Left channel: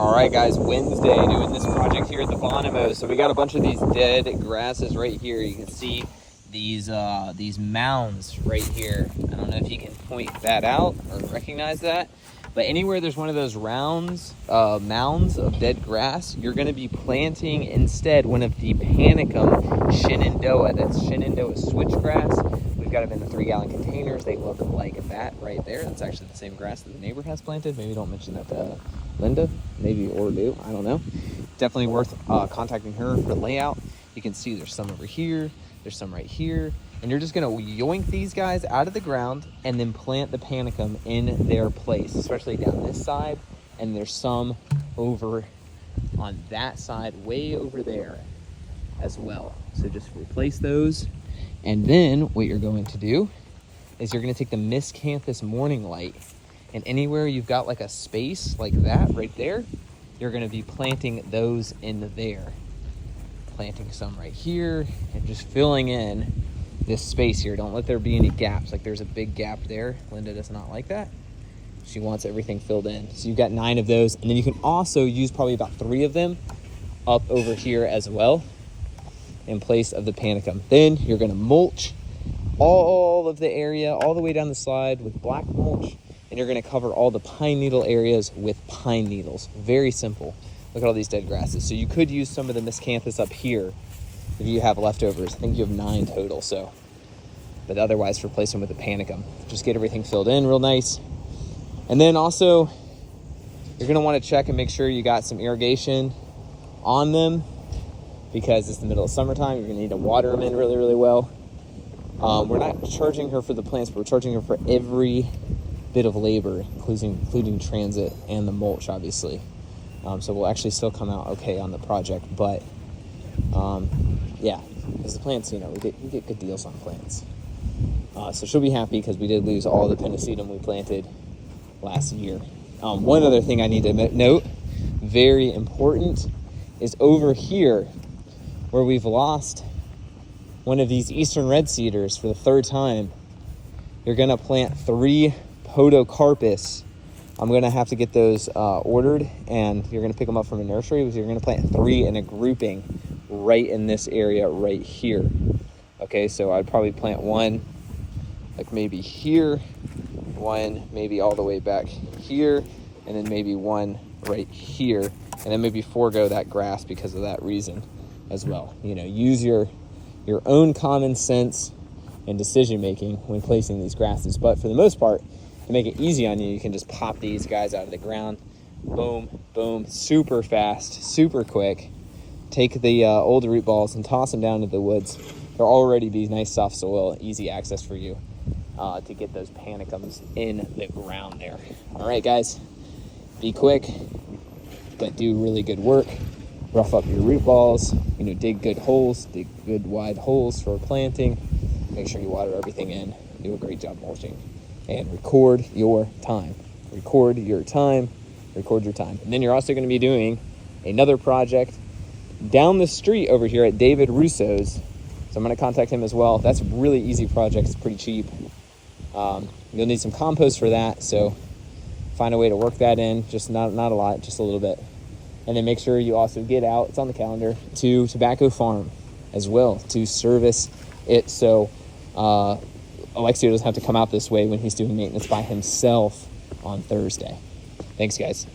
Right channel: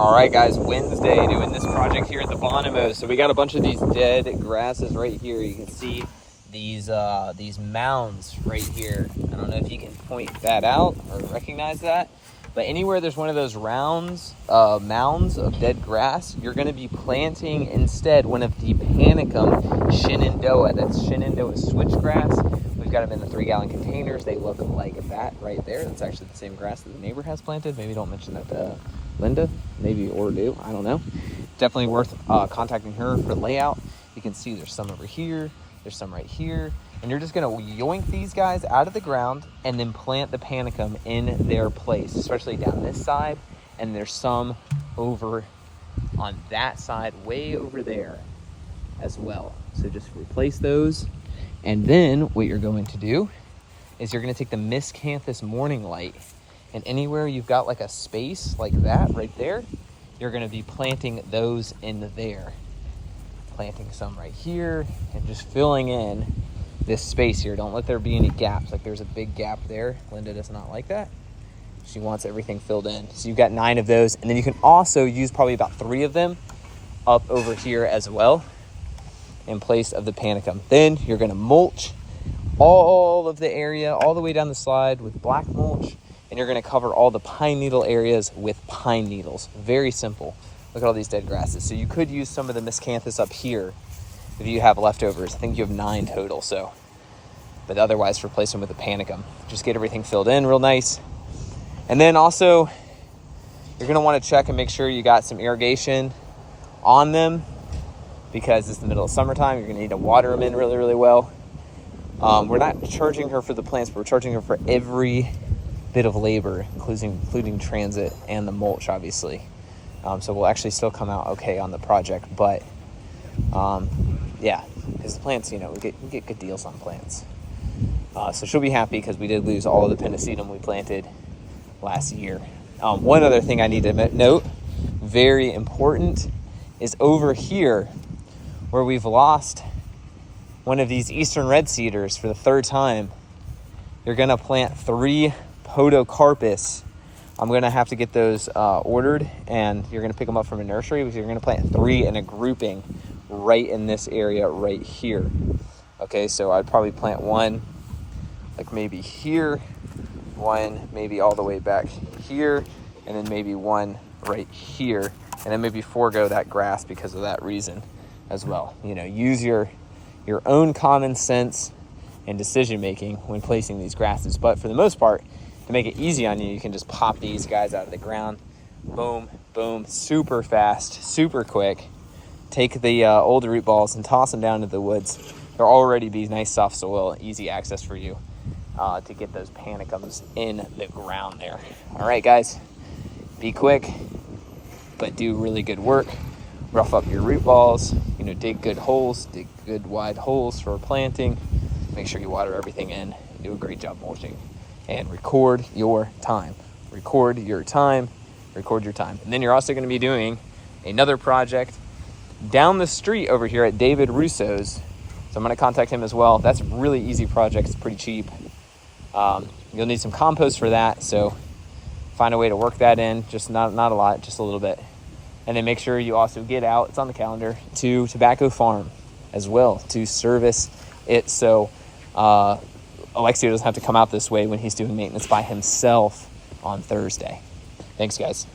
All right, guys, Wednesday, doing this project here at the Bonomo. So we got a bunch of these dead grasses right here. You can see these mounds right here. I don't know if you can point that out or recognize that, but anywhere there's one of those mounds of dead grass, you're going to be planting instead one of the Panicum Shenandoah. That's Shenandoah switchgrass. We've got them in the 3-gallon containers. They look like that right there. It's actually the same grass that the neighbor has planted. Maybe don't mention that to Linda, maybe, or do, I don't know. Definitely worth contacting her for layout. You can see there's some over here, there's some right here, and you're just gonna yoink these guys out of the ground and then plant the Panicum in their place, especially down this side, and there's some over on that side, way over there as well. So just replace those, and then what you're going to do is you're gonna take the Miscanthus Morning Light, and anywhere you've got like a space like that right there, you're gonna be planting those in there. Planting some right here, and just filling in this space here. Don't let there be any gaps. Like there's a big gap there. Linda does not like that. She wants everything filled in. So you've got 9 of those, and then you can also use probably about 3 of them up over here as well in place of the Panicum. Then you're gonna mulch all of the area, all the way down the slide with black mulch, and you're gonna cover all the pine needle areas with pine needles. Very simple. Look at all these dead grasses. So you could use some of the Miscanthus up here if you have leftovers. I think you have 9 total, so. But otherwise, replace them with a Panicum. Just get everything filled in real nice. And then also, you're gonna wanna check and make sure you got some irrigation on them, because it's the middle of summertime. You're gonna need to water them in really, really well. We're not charging her for the plants, but we're charging her for every bit of labor, including transit and the mulch, obviously. So we'll actually still come out okay on the project, but yeah, because the plants, we get good deals on plants. So she'll be happy because we did lose all the Pennisetum we planted last year. One other thing I need to note, very important, is over here where we've lost one of these Eastern Red Cedars for the 3rd time. You're gonna plant 3 Podocarpus. I'm gonna have to get those ordered, and you're gonna pick them up from a nursery, because you're gonna plant 3 in a grouping right in this area right here. Okay, so I'd probably plant 1 like maybe here, 1 maybe all the way back here, and then maybe 1 right here, and then maybe forego that grass because of that reason as well. Use your own common sense and decision making when placing these grasses. But for the most part, to make it easy on you, you can just pop these guys out of the ground. Boom, boom, super fast, super quick. Take the old root balls and toss them down into the woods. There'll already be nice soft soil, easy access for you to get those Panicums in the ground there. All right, guys, be quick, but do really good work. Rough up your root balls, dig good holes, dig good wide holes for planting. Make sure you water everything in and do a great job mulching. And record your time. Record your time. Record your time. And then you're also going to be doing another project down the street over here at David Russo's. So I'm going to contact him as well. That's a really easy project. It's pretty cheap. You'll need some compost for that, so find a way to work that in. Just not a lot, just a little bit. And then make sure you also get out, it's on the calendar, to Tobacco Farm as well to service it. So Alexio doesn't have to come out this way when he's doing maintenance by himself on Thursday. Thanks, guys.